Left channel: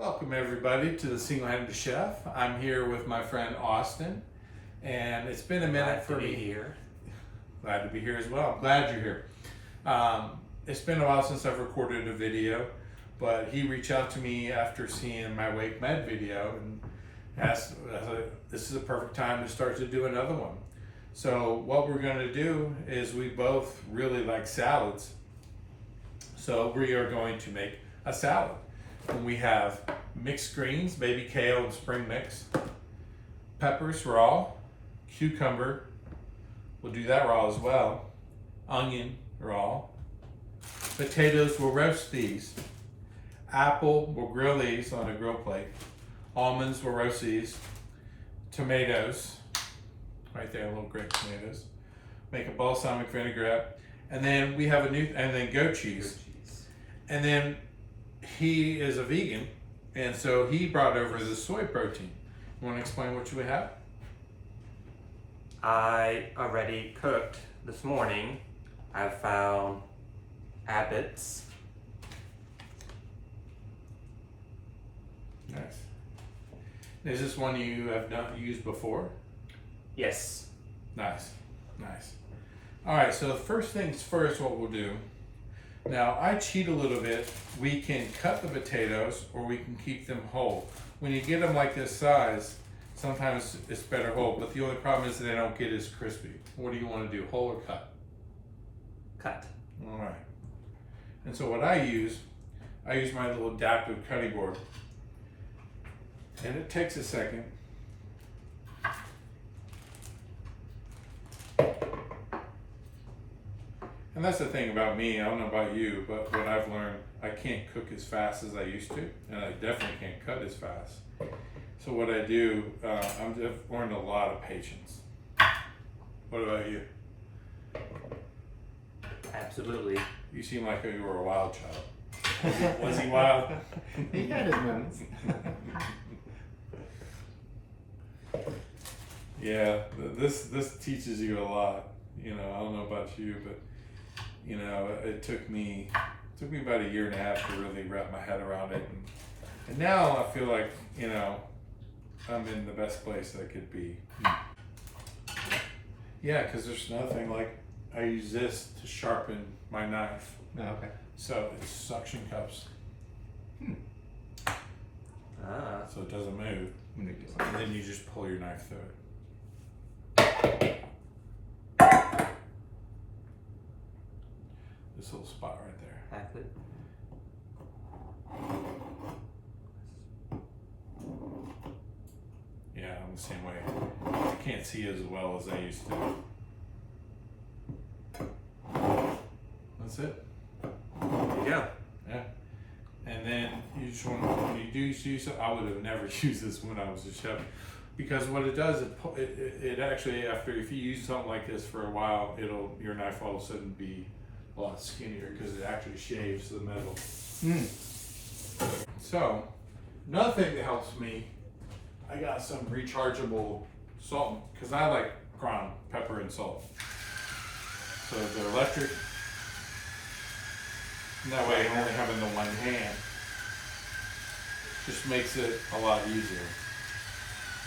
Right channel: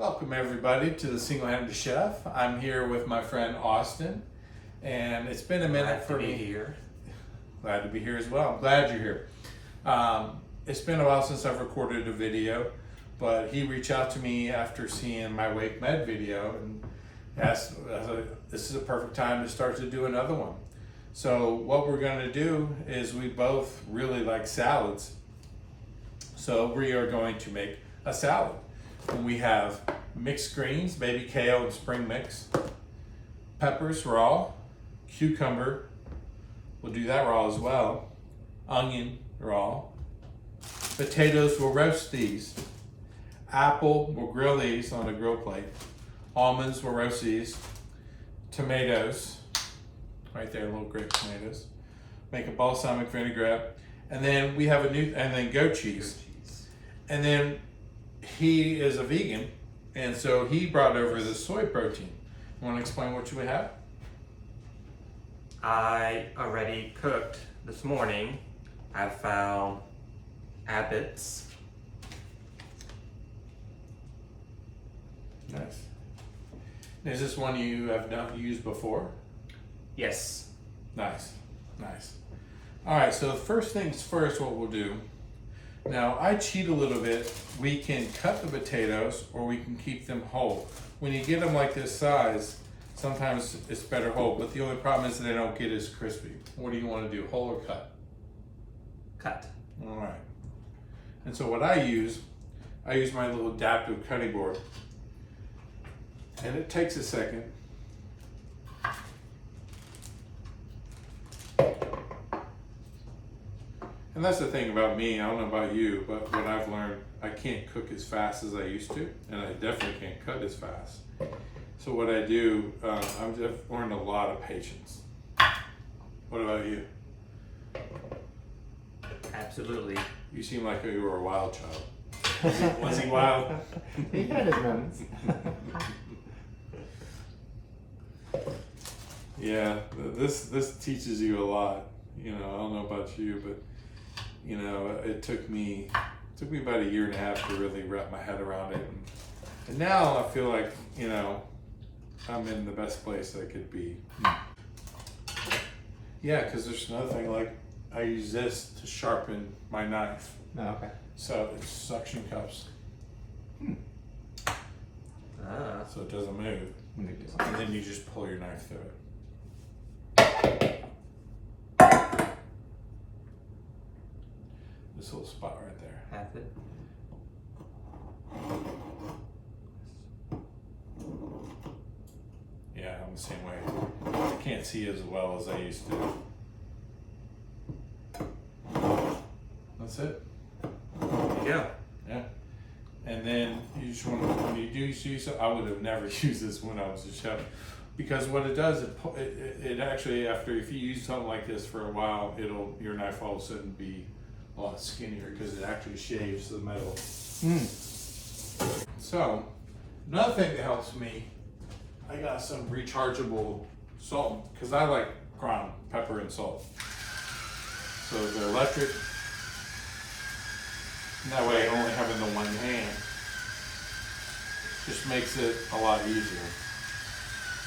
Welcome everybody to the Single-Handed Chef. I'm here with my friend Austin, and it's been a minute for me here. Glad to be here as well. I'm glad you're here. It's been a while since I've recorded a video, but he reached out to me after seeing my Wake Med video and asked, this is a perfect time to start to do another one. So what we're going to do is we both really like salads. So we are going to make a salad. And we have mixed greens, baby kale and spring mix, peppers raw, cucumber, we'll do that raw as well, onion raw, potatoes, we'll roast these, apple, we'll grill these on a grill plate, almonds, we'll roast these, tomatoes, right there, little grape tomatoes, make a balsamic vinaigrette, and then we have and then goat cheese. And then he is a vegan, and so he brought over the soy protein. You want to explain what we have? I already cooked this morning. I found abbots. Nice. Is this one you have not used before? Yes. Nice, nice. All right, so first things first, what we'll do. Now, I cheat a little bit. We can cut the potatoes or we can keep them whole. When you get them like this size, sometimes it's better whole, but the only problem is that they don't get as crispy. What do you want to do, whole or cut? Cut. All right. And so what I use my little adaptive cutting board. And it takes a second. And that's the thing about me, I don't know about you, but what I've learned, I can't cook as fast as I used to, and I definitely can't cut as fast. So what I do, I've learned a lot of patience. What about you? Absolutely. You seem like you were a wild child. Was he wild? He had his moments. Yeah, this teaches you a lot. You know, I don't know about you, but you know, it took me about 1.5 years to really wrap my head around it, and now I feel like, you know, I'm in the best place I could be. Yeah, because there's another thing, like I use this to sharpen my knife. Oh, okay. So it's suction cups, so it doesn't move, and then you just pull your knife through it. This little spot right there. Half it. Yeah, I'm the same way. I can't see as well as I used to. That's it. There you go. Yeah. And then you just want to, when you do use it, I would have never used this when I was a chef, because what it does, it actually, after, if you use something like this for a while, your knife all of a sudden be a lot skinnier because it actually shaves the metal. So, another thing that helps me, I got some rechargeable salt, because I like ground pepper and salt. So they're electric. And that way, only having the one hand just makes it a lot easier.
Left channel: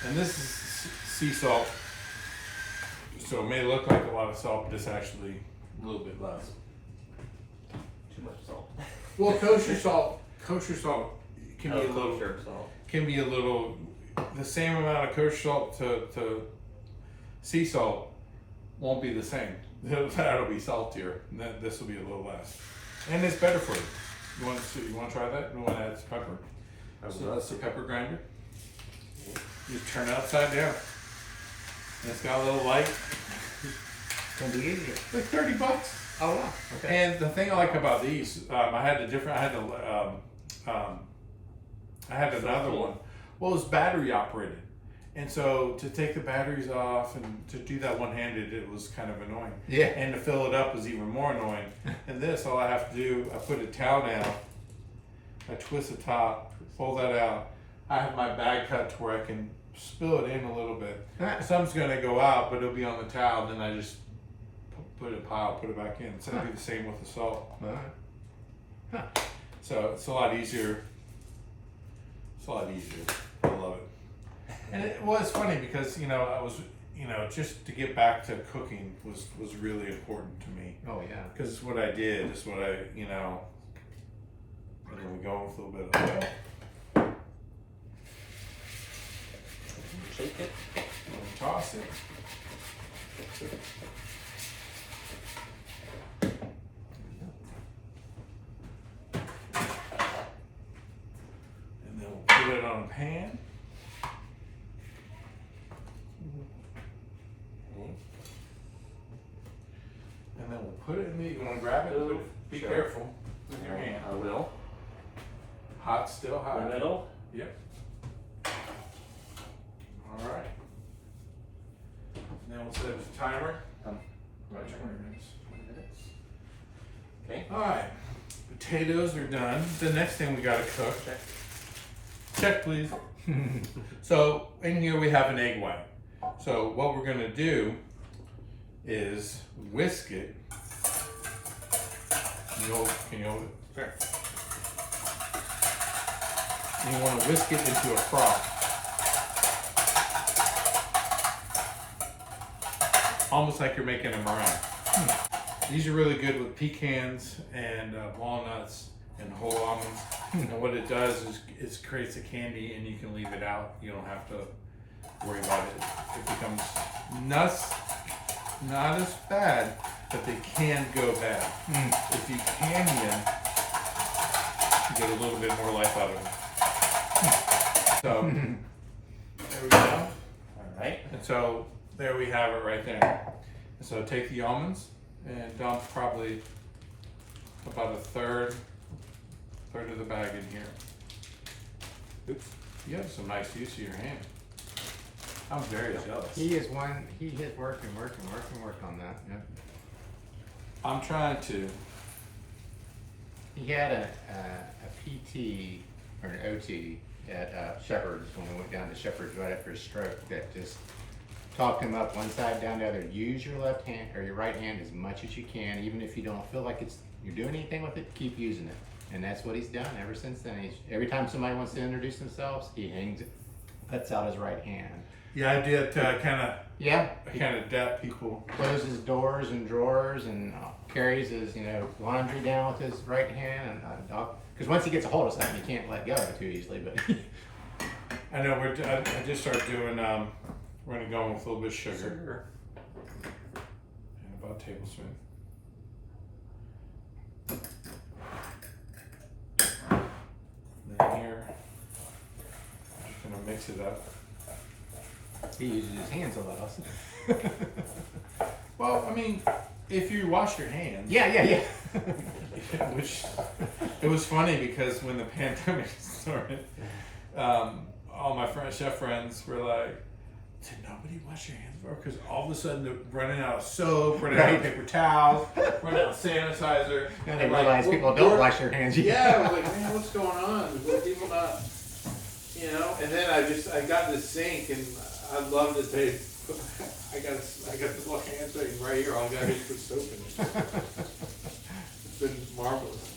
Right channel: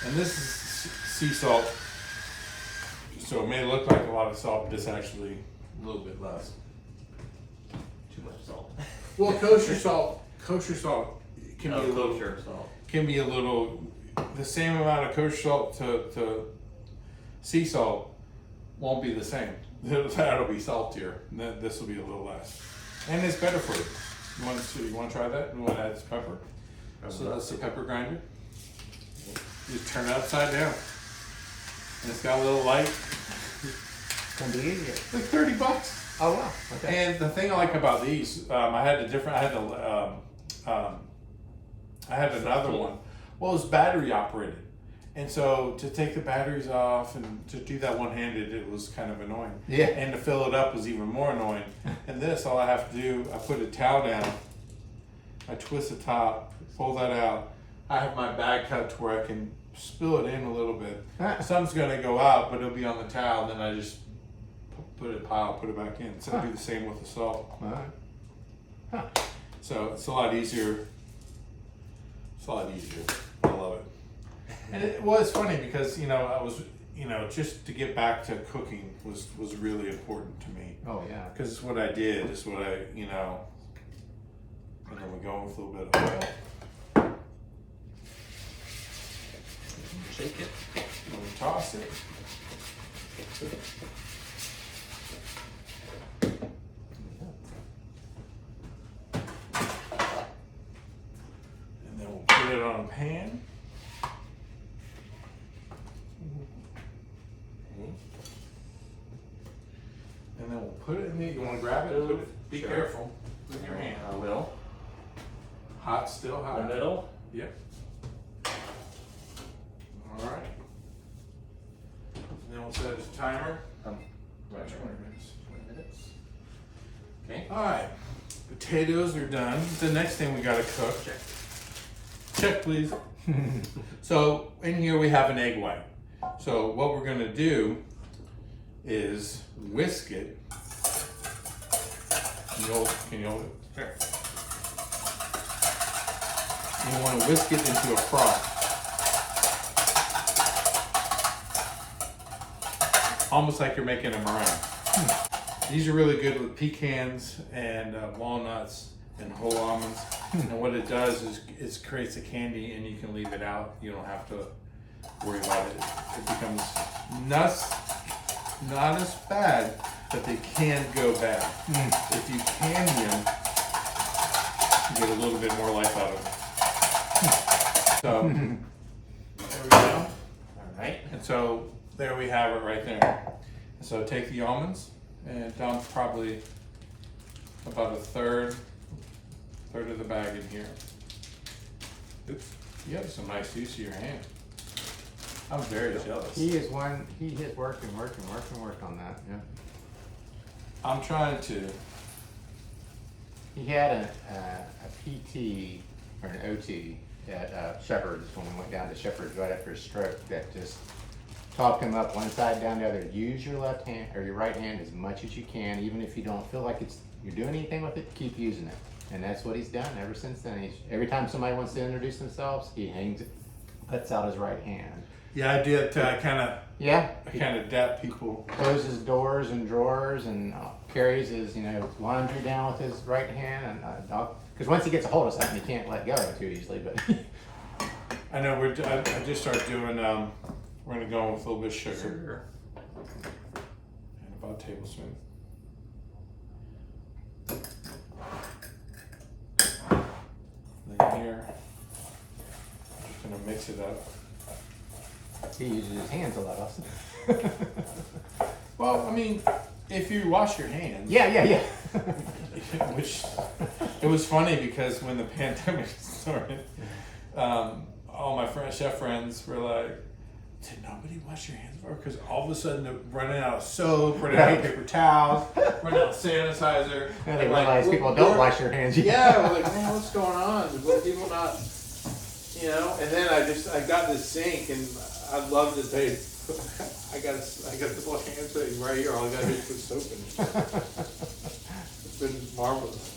And this is sea salt, so it may look like a lot of salt, but it's actually a little bit less. Too much salt. Well, kosher salt can be a little, kosher salt. can be a little, the same amount of kosher salt to sea salt won't be the same. That'll be saltier, and then this will be a little less. And it's better for you. You want to try that? You want to add some pepper? So that's the pepper grinder. You just turn it upside down. And it's got a little light. Can be easier. Like $30. Oh wow. Okay. And the thing I like about these, I had another one. Well, it was battery operated. And so to take the batteries off and to do that one-handed, it was kind of annoying. Yeah. And to fill it up was even more annoying. And this, all I have to do, I put a towel down, I twist the top, pull that out. I have my bag cut to where I can spill it in a little bit. Some's gonna go out, but it'll be on the towel. Then I just put it back in. So I do the same with the salt. All right. So it's a lot easier It's a lot easier. I love it. And it was funny because, you know, I was, you know, just to get back to cooking was really important to me. Oh yeah. Because it's what I did, it's what I, you know, and then we go with a little bit of oil. Shake it. And we toss it. And then we'll put it on a pan. And then we'll put it in the, you want to grab it? Be Sure. careful with your hand. I will. Hot, still hot. The middle. Yep. All right. And then we'll set a timer. About 20 minutes. 20 minutes. Okay. All right. Potatoes are done. The next thing we got to cook. Check. Check, please. So in here we have an egg white. So what we're gonna do is whisk it. Can you hold it? Sure. You want to whisk it into a froth. Almost like you're making a meringue. These are really good with pecans and walnuts and whole almonds. And what it does is it creates a candy and you can leave it out. You don't have to worry about it. It becomes nuts, not as bad, but they can go bad. If you candy them, you get a little bit more life out of them. So, there we go. All right. And so, there we have it right there. And so take the almonds and dump probably about a third of the bag in here. Oops, you have some nice use of your hand. I'm very jealous. He is one. He is working on that. Yeah. I'm trying to. He had a PT or an OT at Shepherd's when he went down to Shepherd's right after his stroke. That just talked him up one side down the other. Use your left hand or your right hand as much as you can, even if you don't feel like you're doing anything with it. Keep using it, and that's what he's done ever since then. Every time somebody wants to introduce themselves, he puts out his right hand. Yeah, I did kind of Yeah. dap people. Closes doors and drawers and carries his laundry down with his right hand, and because once he gets a hold of something, he can't let go of it too easily. But I know I just started doing. We're gonna go with a little bit of sugar and about a tablespoon. And then here, I'm just gonna mix it up. he uses his hands a lot, Austin. Well, I mean, if you wash your hands. Yeah. Which it was funny because when the pandemic started, all my chef friends were like, "Did nobody wash your hands before?" Because all of a sudden they're running out of soap, running out of paper towels, running out of sanitizer. Now they And realize people don't wash their hands. Yeah, we're like, man, what's going on? Will people not, And then I got this sink, and I love that they. I got this little hand thing right here. All I got to do is put soap in it. It's been marvelous.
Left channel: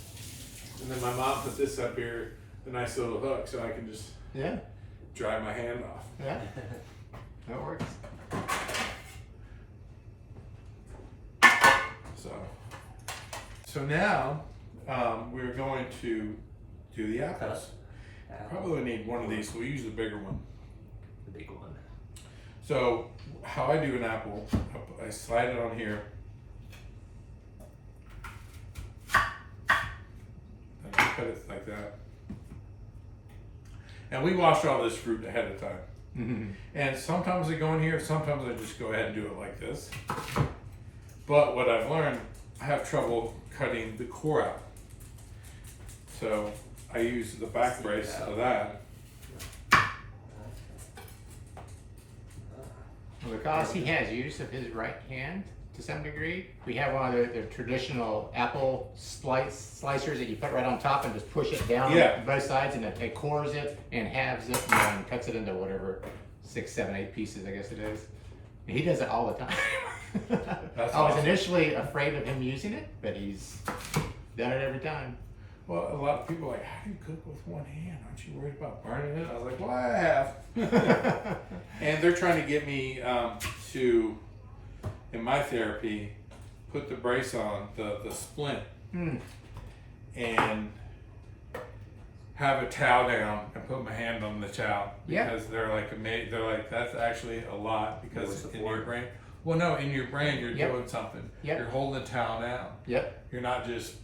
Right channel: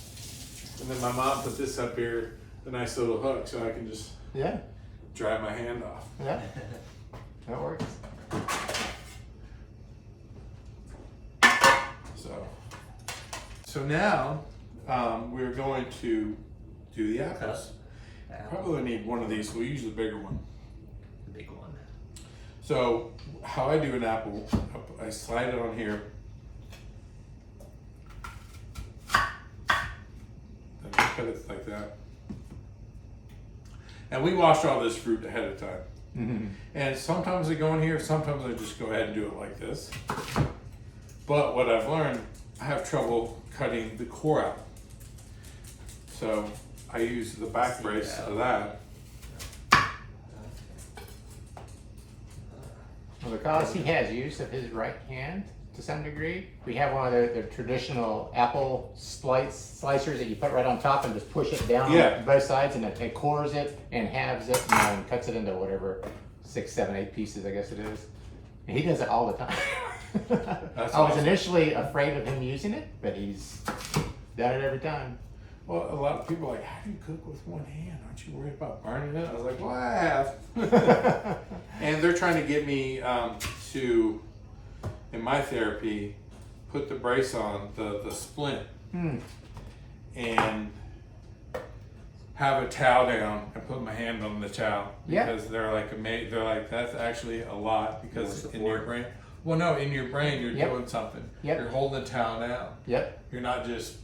And then my mom put this up here, the nice little hook, so I can just dry my hand off. Yeah, that works. So now we're going to do the apples. Probably need one of these. We'll use the bigger one. The big one. So how I do an apple, I slide it on here. And I put it like that. And we wash all this fruit ahead of time. Mm-hmm. And sometimes I go in here, sometimes I just go ahead and do it like this. But what I've learned, I have trouble cutting the core out. So I use the back brace of that. Well, because he has use of his right hand to some degree, we have one of the traditional apple slicers that you put right on top and just push it down on both sides, and it cores it and halves it and cuts it into whatever 6, 7, 8 pieces, I guess it is. And he does it all the time. That's I was awesome. initially afraid of him using it, but he's done it every time. Well, a lot of people are like, how do you cook with one hand? Aren't you worried about burning it? I was like, well, I have. And they're trying to get me to, in my therapy, put the brace on, the splint, and have a towel down and put my hand on the towel. Yeah. Because they're like, that's actually a lot because More in your support. brain, well, no, in your brain, you're Yep. doing something. Yep. You're holding the towel down. Yep. You're not just,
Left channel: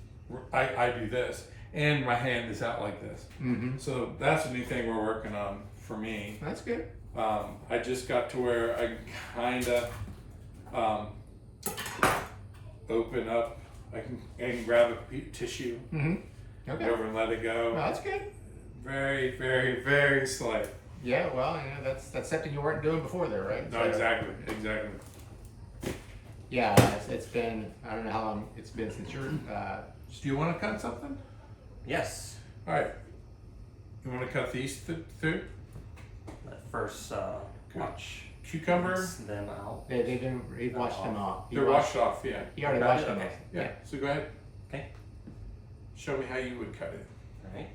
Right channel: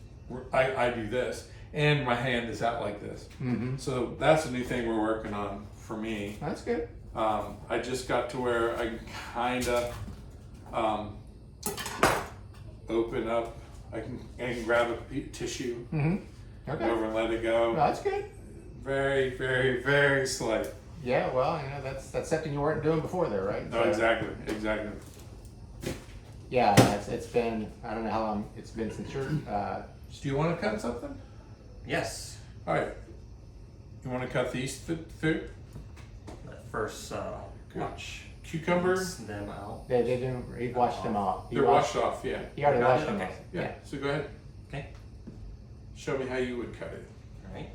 I do this, and my hand is out like this. Mm-hmm. So that's a new thing we're working on for me. That's good. I just got to where I can kind of open up. I can grab a tissue Mm-hmm. Okay. over and let it go. Oh, that's good. Very, very, very slight. Yeah, well, that's something you weren't doing before there, right? No, So, exactly. Yeah, it's been, I don't know how long it's been since you're, Do you want to cut something? Yes. All right. You want to cut these through? But first, watch Cucumber. rinse them out. they didn't, he washed them off. They're washed off. Yeah. He already Got washed it? them Okay. off. Yeah. So go ahead. Okay. Show me how you would cut it. All right.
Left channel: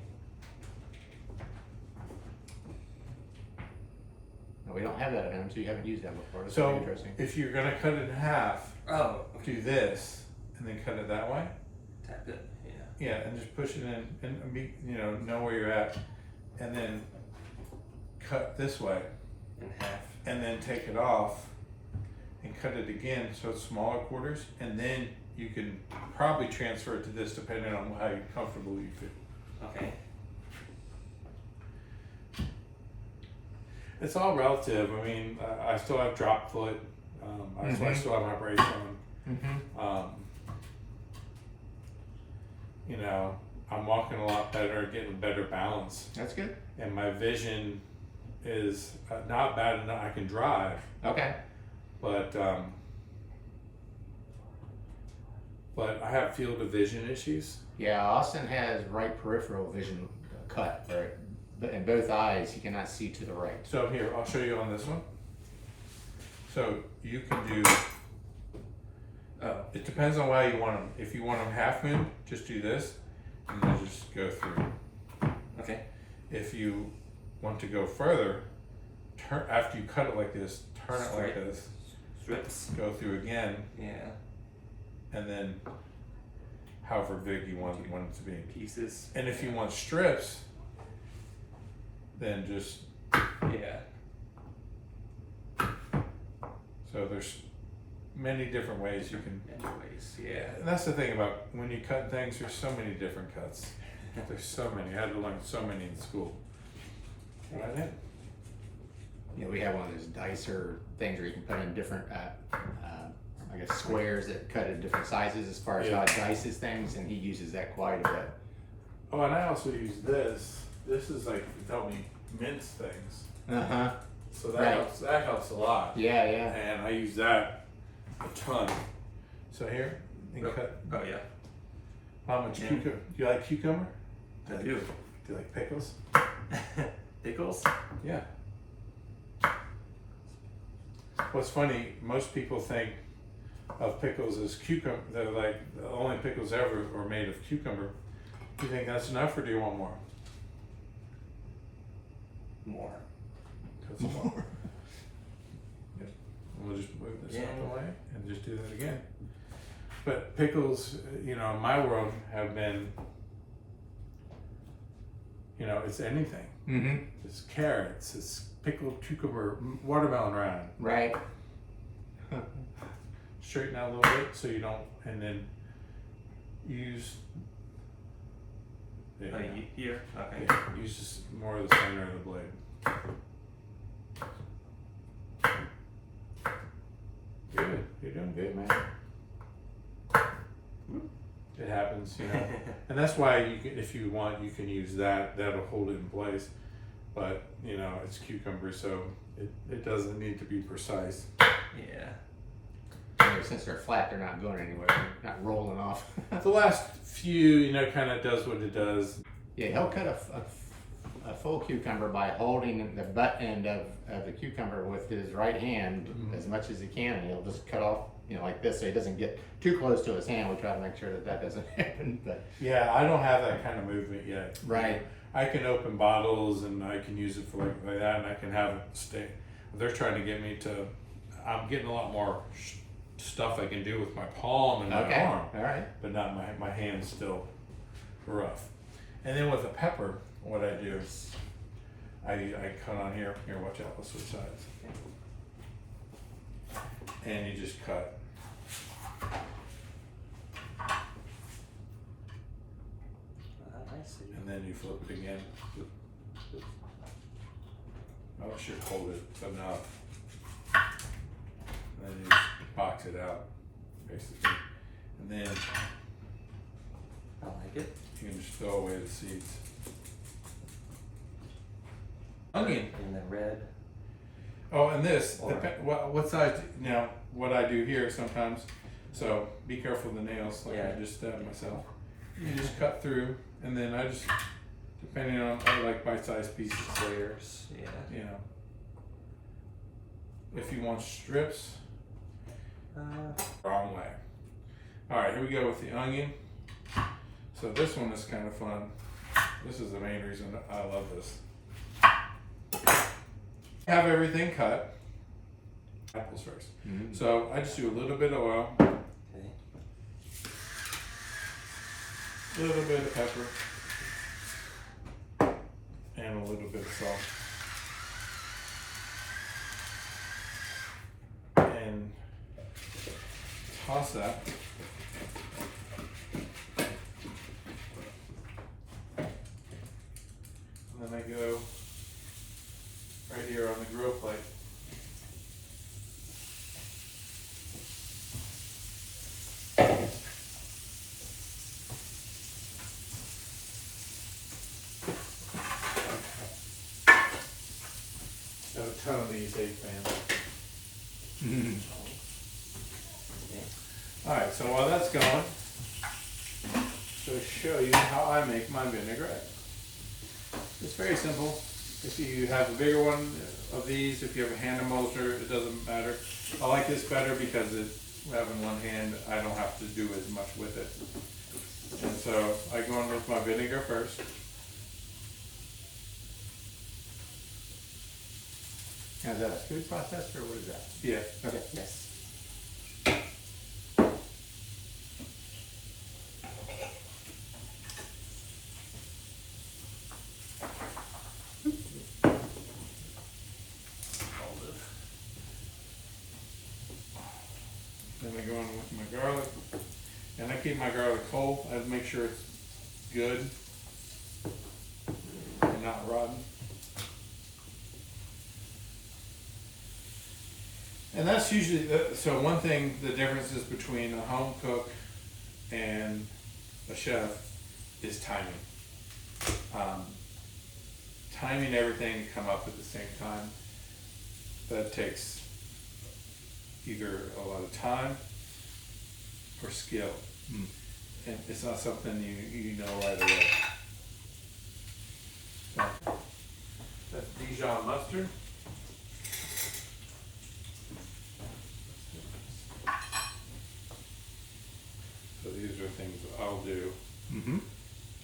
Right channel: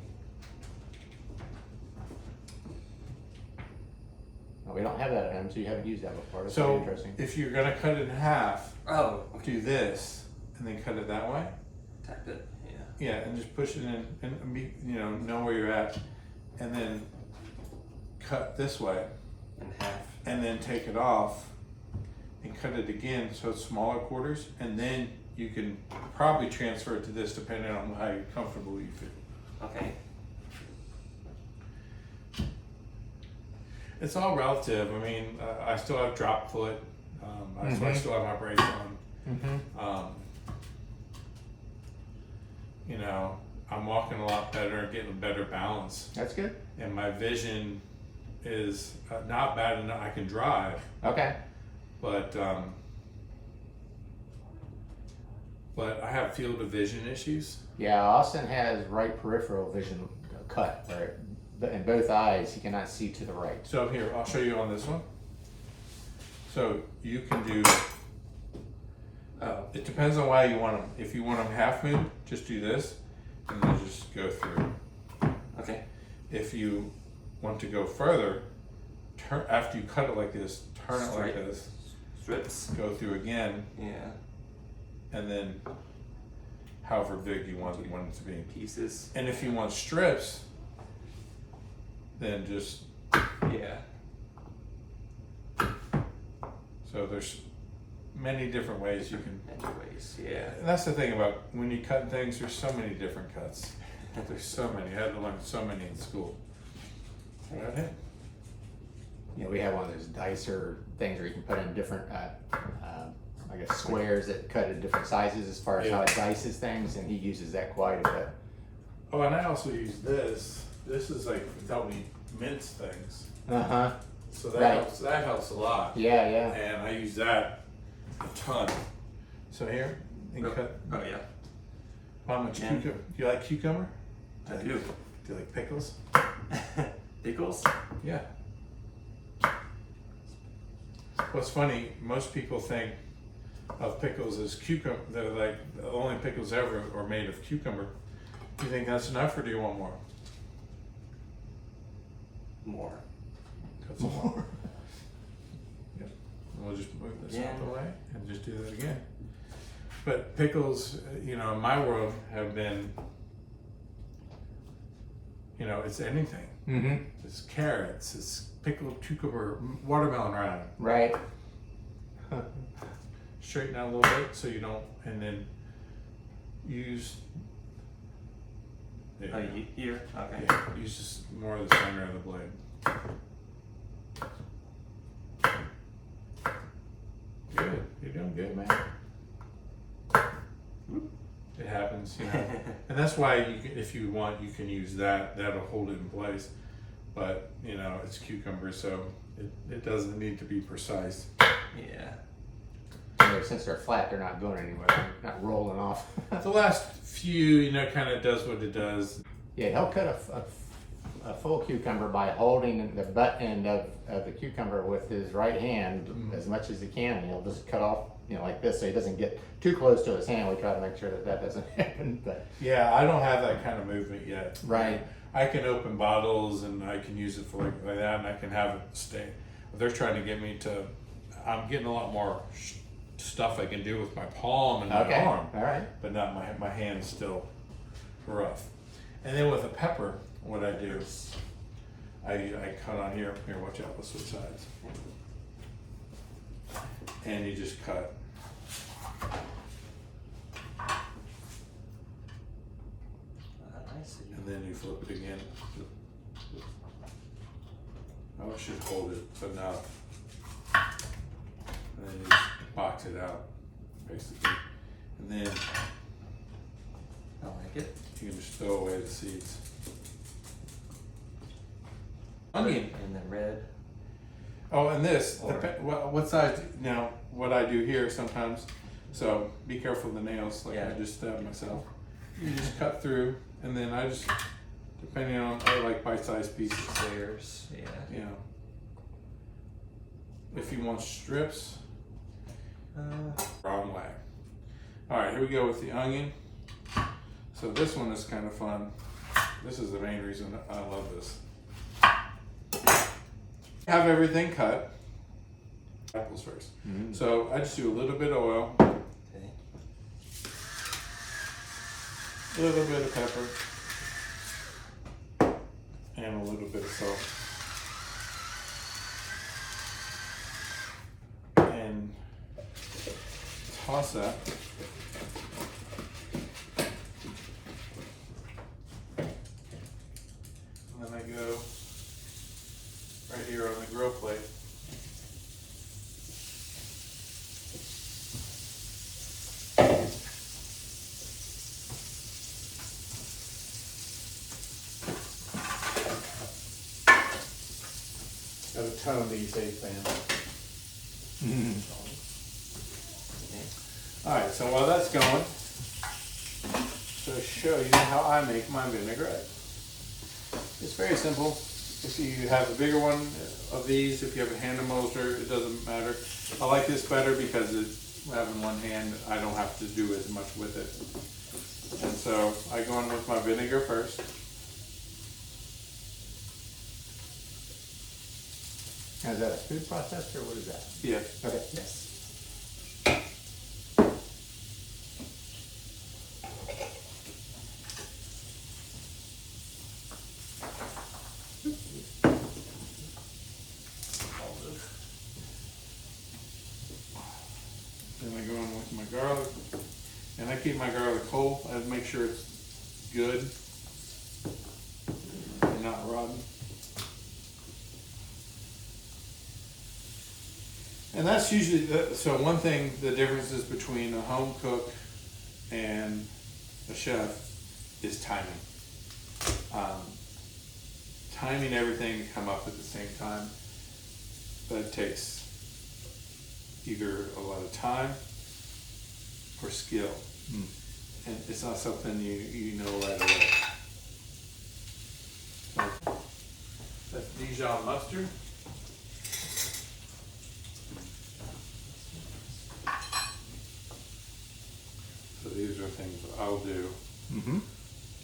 No, we don't have that at home, so you haven't used that before. That's So interesting. if you're gonna cut it in half, Oh. do this and then cut it that way. Tap it. Yeah. Yeah, and just push it in and be, know where you're at, and then cut this way, In half. and then take it off and cut it again so it's smaller quarters, and then you can probably transfer it to this depending on how comfortable you feel. Okay. It's all relative. I mean, I still have drop foot, so I still have my brace on. Mm-hmm. I'm walking a lot better, getting better balance, That's good. and my vision is not bad enough. I can drive, Okay. but I have field of vision issues. Yeah, Austin has right peripheral vision cut there, but in both eyes he cannot see to the right. So here, I'll show you on this one. So you can do, it depends on why you want them. If you want them half moon, just do this, and then just go through. Okay. If you want to go further, after you cut it like this, turn it like this, Strips. go through again, Yeah. and then however big you want it to be. Pieces. And if you want strips, then just, Yeah. so there's many different ways you can. Anyways. Yeah. And that's the thing about when you cut things, there's so many different cuts. There's so many. I had to learn so many in school. Right? You know, we have one of those dicer things where you can put in different, I guess, squares that cut in different sizes as far as how it dices things, and he uses that quite a bit. Oh, and I also use this. This is like to help me mince things. Uh-huh. So that Right. helps. That helps a lot. Yeah, yeah. And I use that a ton. So here, and cut. Oh yeah. How much Yeah. cucumber? Do you like cucumber? I do. Do you like pickles? Pickles. Yeah. What's funny, most people think of pickles as cucumber. They're like the only pickles ever are made of cucumber. Do you think that's enough, or do you want more? More. Cut some more. Yep. We'll just move this out the way and just do that again. But pickles, in my world, have been, it's anything. Mm-hmm. It's carrots, it's pickled cucumber, watermelon rind. Right. Straighten out a little bit so you don't, and then use. There Oh, you go. here. Okay. Yeah, use just more of the center of the blade. Good, you're doing good, man. It happens, and that's why you can, if you want, you can use that. That'll hold it in place. But it's cucumber, so it doesn't need to be precise. Yeah. Since they're flat, they're not going anywhere, not rolling off. The last few, kind of does what it does. Yeah, they'll cut a full cucumber by holding the butt end of the cucumber with his right hand as much as he can. And he'll just cut off, like this, so he doesn't get too close to his hand. We try to make sure that doesn't happen. But Yeah, I don't have that kind of movement yet. Right. I can open bottles and I can use it for like that, and I can have it stay. They're trying to get me to. I'm getting a lot more stuff I can do with my palm and my okay, arm, all right. but not my hand's still rough. And then with the pepper, what I do, I cut on here. Here, watch out. Let's switch sides. And you just cut. I see. And then you flip it again. Oh, it should hold it enough. And then you just box it out, basically. And then I like it. you can just throw away the seeds. Onion. And the red. Oh, and this, Or- what size, now, what I do here sometimes, so be careful of the nails, like Yeah. I just stabbed myself. You just cut through, and then I just, depending on, I like bite-sized pieces. Layers. Yeah. You know, if you want strips, wrong way. All right, here we go with the onion. So this one is kind of fun. This is the main reason I love this. Have everything cut. Apples first. Mm-hmm. So I just do a little bit of oil, Okay. a little bit of pepper, and a little bit of salt. And toss that. And then I go right here on the grill plate. Have a ton of these egg pans. Okay. Alright, so while that's going, to show you how I make my vinaigrette. It's very simple. If you have a bigger one of these, if you have a hand emulser, it doesn't matter. I like this better because having one hand, I don't have to do as much with it. And so I go in with my vinegar first. Now, is that a food processor or what is that? Yeah. Okay. Yes. Then I go in with my garlic. And I keep my garlic whole. I make sure it's good and not rotten. And that's usually, so one thing, the differences between a home cook and a chef is timing. Timing everything to come up at the same time, that takes either a lot of time or skill. And it's not something you know right away. So, that's Dijon Mustard. So these are things I'll do. Mm-hmm.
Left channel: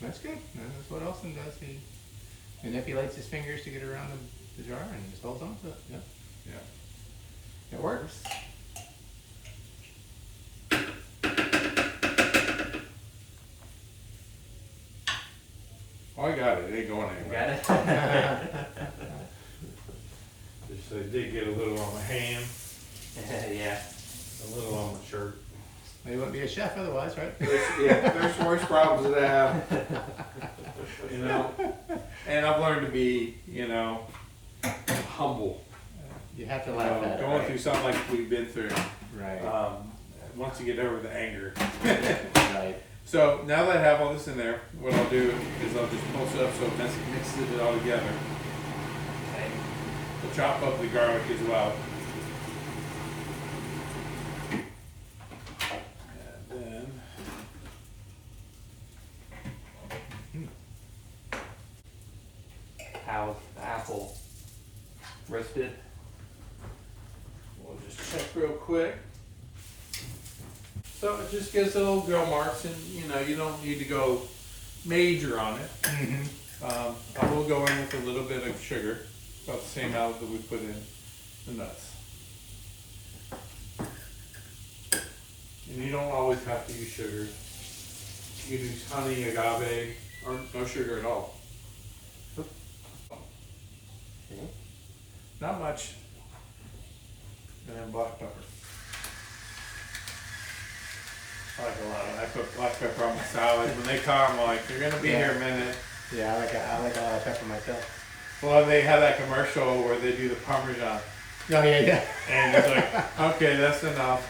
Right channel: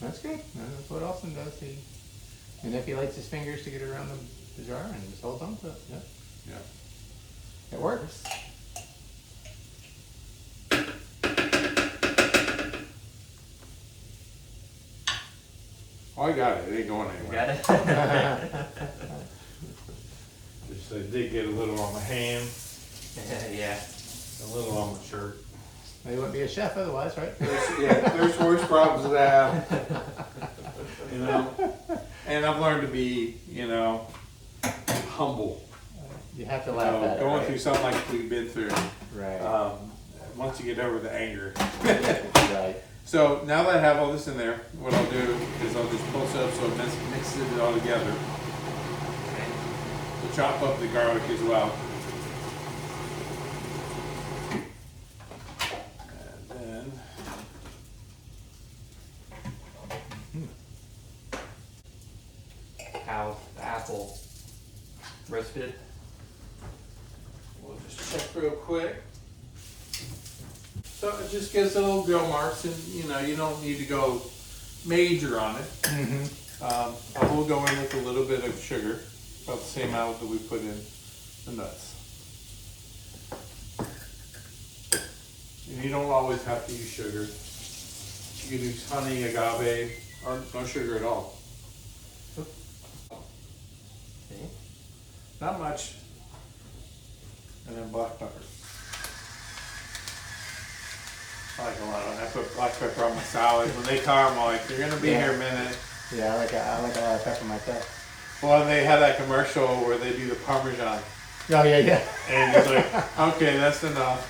That's good. That's what Austin does. He manipulates his fingers to get around the jar and just holds on to it. Yep. Yeah. It works. Oh, I got it. It ain't going You anywhere. got it? Just I did get a little on my hand, Yeah. a little on my shirt. You wouldn't be a chef otherwise, right? There's worse problems to have. You know, and I've learned to be, humble. You have to You laugh know, at it. going right? through something like we've been through. Right. Once you get over the anger. Right. So now that I have all this in there, what I'll do is I'll just pulse it up so it mixes it all together. Okay. I'll chop up the garlic as well. And then roasted. We'll just check real quick. So it just gives little grill marks, and you know, you don't need to go major on it. I will go in with a little bit of sugar, about the same amount that we put in the nuts. And you don't always have to use sugar. You can use honey, agave, or no sugar at all. Okay. Not much. And then black pepper. I like a lot of. I put black pepper on my salad. When they come, I'm like, you're gonna be here a minute. Yeah, I like a lot of pepper myself. Well, and they had that commercial where they do the Parmesan. Oh, yeah. And it's like, okay, that's enough.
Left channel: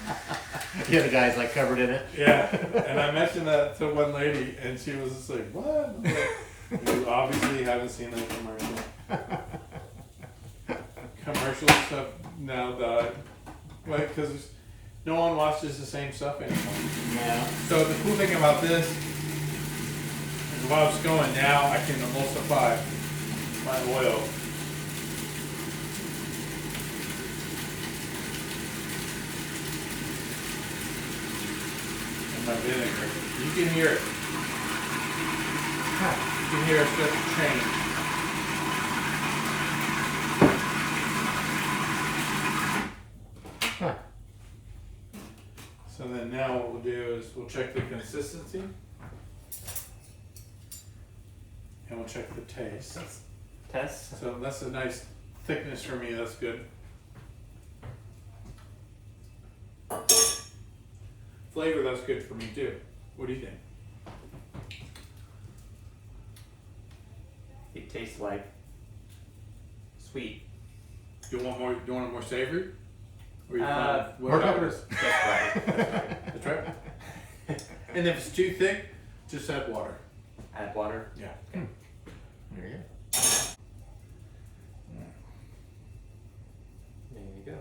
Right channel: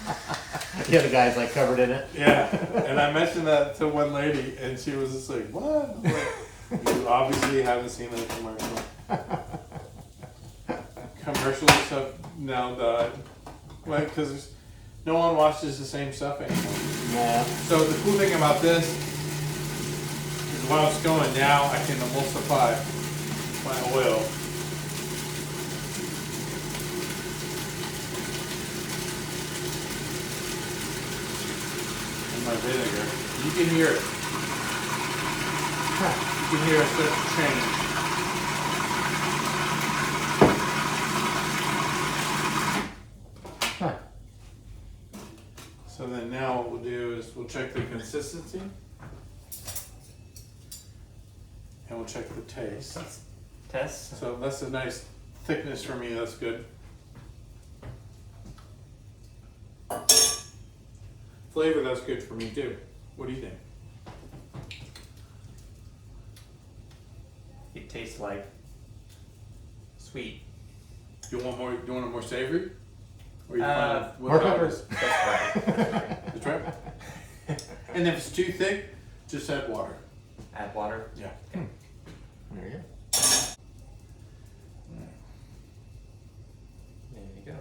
Yeah, the guy's like covered in it. Yeah. And I mentioned that to one lady, and she was just like, what? I'm like, you obviously haven't seen the commercial. Commercials stuff now died. Well, because no one watches the same stuff anymore. Yeah. So the cool thing about this is while it's going now, I can emulsify my oil. And my vinegar. You can hear it. You can hear it start to change. Huh. So then now what we'll do is we'll check the consistency. And we'll check the taste. Test. So that's a nice thickness for me, that's good. Flavor, that's good for me too. What do you think? It tastes like sweet. You want more? You want it more savory? Or you more peppers. That's right. That's right. That's right. And if it's too thick, just add water. Add water. Yeah. Okay. There you go. There you go.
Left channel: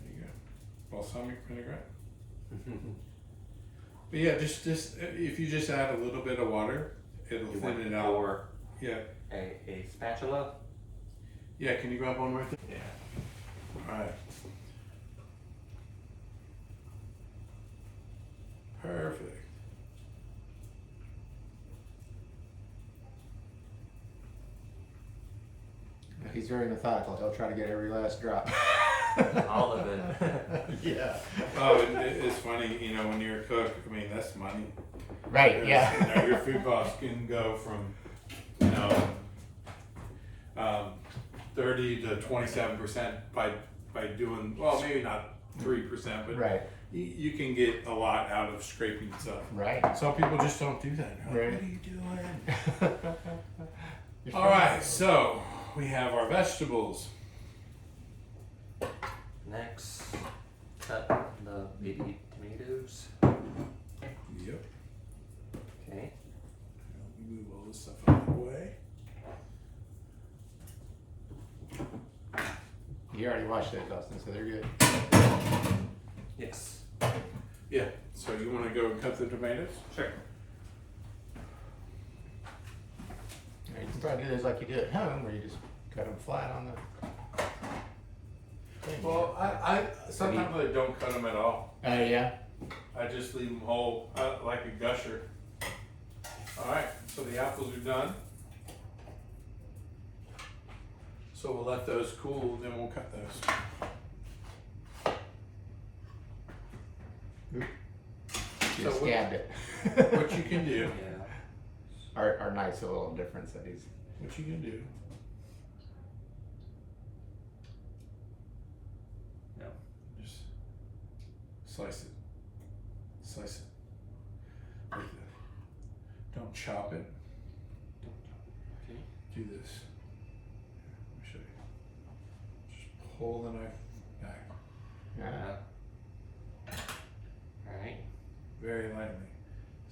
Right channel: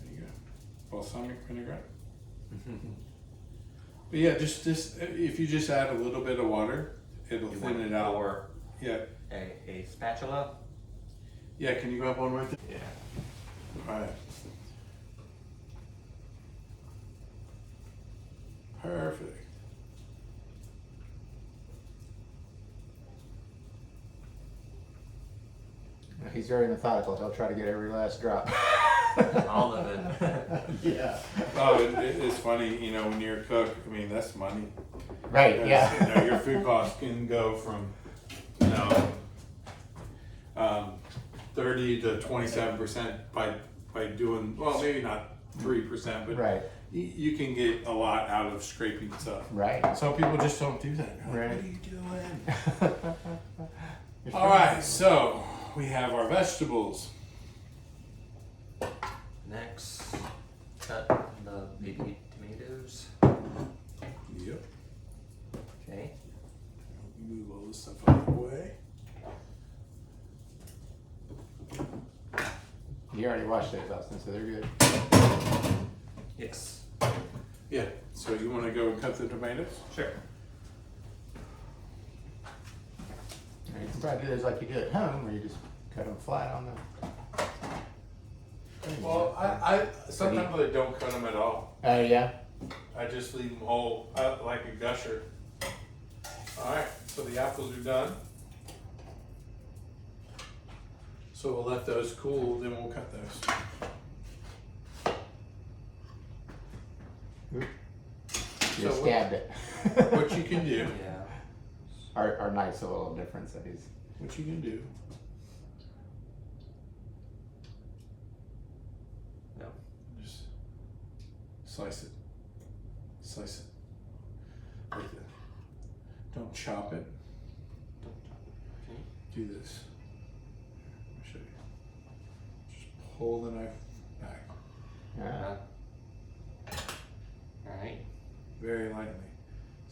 There you go. Balsamic vinaigrette. But yeah, just if you just add a little bit of water, it'll You thin want it out. Or Yeah. a spatula. Yeah. Can you go up one more thing? Yeah. All right. Perfect. He's very methodical. He'll try to get every last drop. All of it. Yeah. Oh, it's funny, you know, when you're a cook, I mean, that's money. Right. Because, Yeah. you know, your food costs can go from, you know, 30 to 27% by doing, well, maybe not 3%, but Right. you can get a lot out of scraping stuff. Right. Some people just don't do that. Like, Right. what are you doing? All right, so we have our vegetables. Next, cut the baby tomatoes. Yep. Okay. Move all this stuff out of the way. You already washed those, Austin, so they're good. Yes. Yeah, so you want to go and cut the tomatoes? Sure. You can probably do those like you do at home, where you just cut them flat on the. Well, I sometimes I don't cut them at all. Oh yeah. I just leave them whole, like a gusher. All right, so the apples are done. So we'll let those cool, then we'll cut those. You So just what- scabbed it. What you can do, Yeah. Our knife's a little different, so he's. what you can do. No. Just slice it. Slice it. Like that. Don't chop it. Do this. Let me show you. Just pull the knife back All right. very lightly.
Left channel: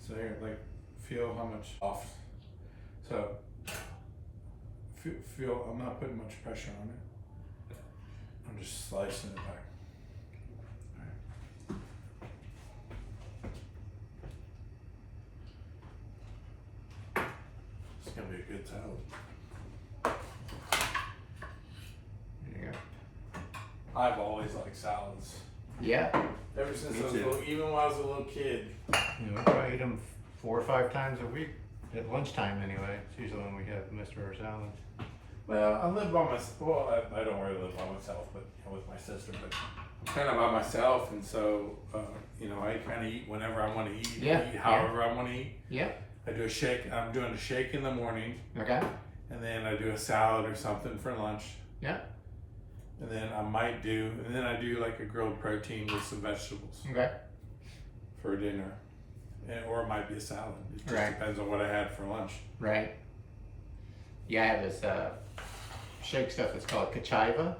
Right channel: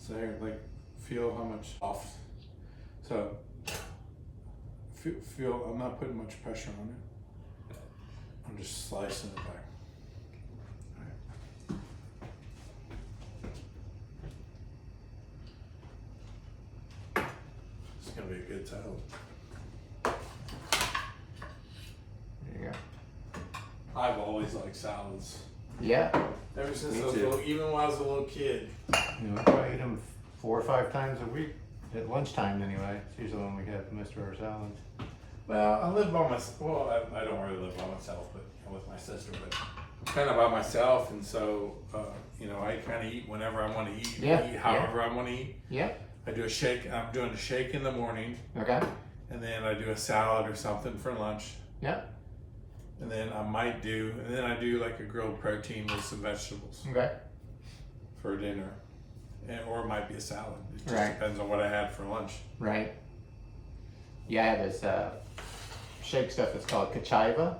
So here, like, feel how much off. So feel. I'm not putting much pressure on it. I'm just slicing it back. It's gonna be a good salad. I've always liked salads. Yeah. Ever since Me I was too. little, even when I was a little kid. You know, I try to eat them 4 or 5 times a week at lunchtime anyway. It's usually when we have most of our salads. Well, I live by myself. Well, I don't really live by myself, but with my sister. But I'm kind of by myself, and so I kind of eat whenever I want to eat. Yeah. Eat however I want to eat. Yeah. I do a shake. I'm doing a shake in the morning, Okay. and then I do a salad or something for lunch. Yeah. And then I do like a grilled protein with some vegetables Okay. for dinner, or it might be a salad. It just Right. depends on what I had for lunch. Right. Yeah, I have this shake stuff that's called Kachiva.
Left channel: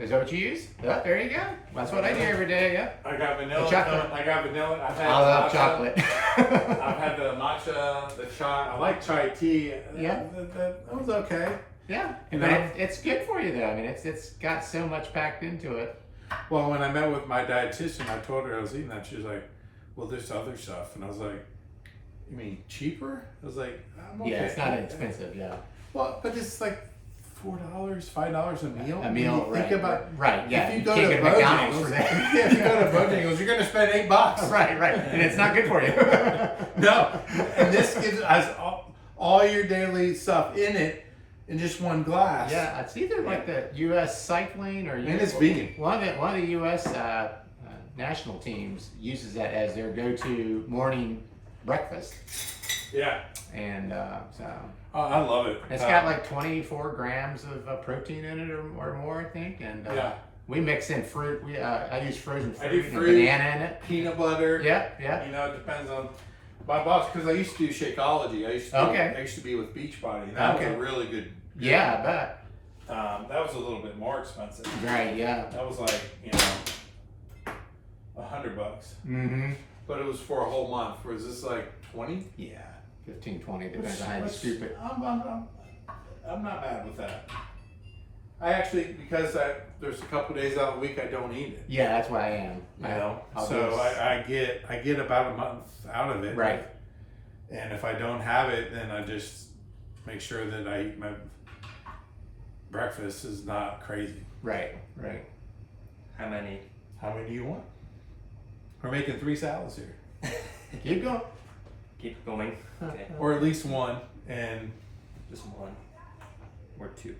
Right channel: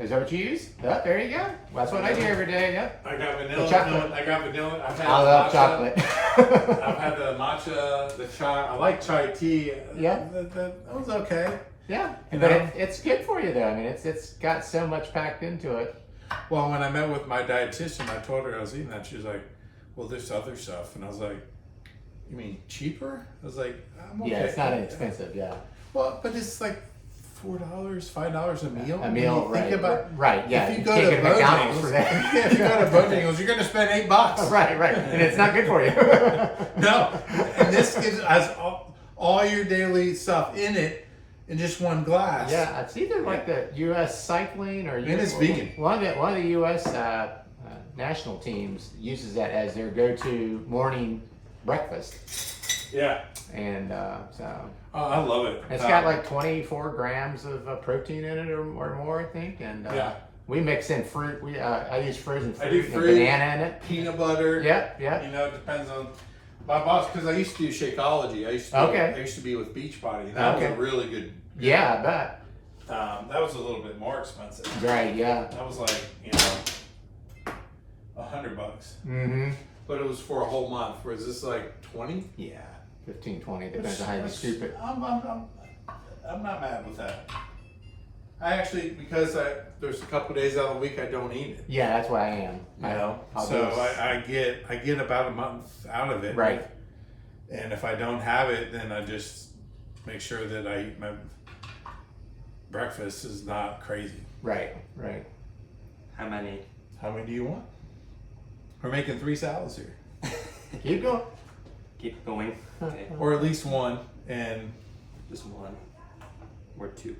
Is that what you use? Yeah, there you go. That's what I do every day. Yeah. I got vanilla. chocolate. I got vanilla. I've had I love matcha. chocolate. I've had the matcha, the chai. I like chai tea. Yeah. That was okay. Yeah, You but know? it's good for you though. I mean, it's got so much packed into it. Well, when I met with my dietitian, I told her I was eating that. She was like, "Well, there's other stuff," and I was like, "You mean cheaper?" I was like, "I'm okay." Yeah, it's not inexpensive. Yeah, Well, but it's like $4, $5 a meal. a meal. When you think right. about right. Yeah, if you go can't to get McDonald's Bojangles, for that. if you go to Bojangles, you're going to spend $8. right, right, and it's not good for you. No, and this has all your daily stuff in it in just one glass. Yeah, it's either like the U.S. cycling or And it's vegan. One of the U.S. National teams uses that as their go-to morning breakfast, Yeah. and so Oh, I love it. it's got like 24 grams of protein in it or more, I think, and Yeah. we mix in fruit. I use frozen fruit. I do and fruit. banana in it. Peanut butter. Yep, yep. You know, it depends on my boss, because I used to do Shakeology. I used to be with Beachbody, and that was a really good. Yeah, I bet. That was a little bit more expensive. Right, yeah. That was like $100, Mm-hmm. but it was for a whole month. Whereas this like 20. Yeah, 15, 20, depends on how you scoop it. I'm not mad with that. I actually, because there's a couple days out of the week I don't eat it. Yeah, that's what I am. You know, I'll so do this. I get about a month out of it. Right. And if I don't have it, then I just make sure that I eat my breakfast is not crazy. Right, right. How many? How many do you want? We're making 3 salads here, Keep going. Keep going. Okay. or at least one, and Just 1 or 2.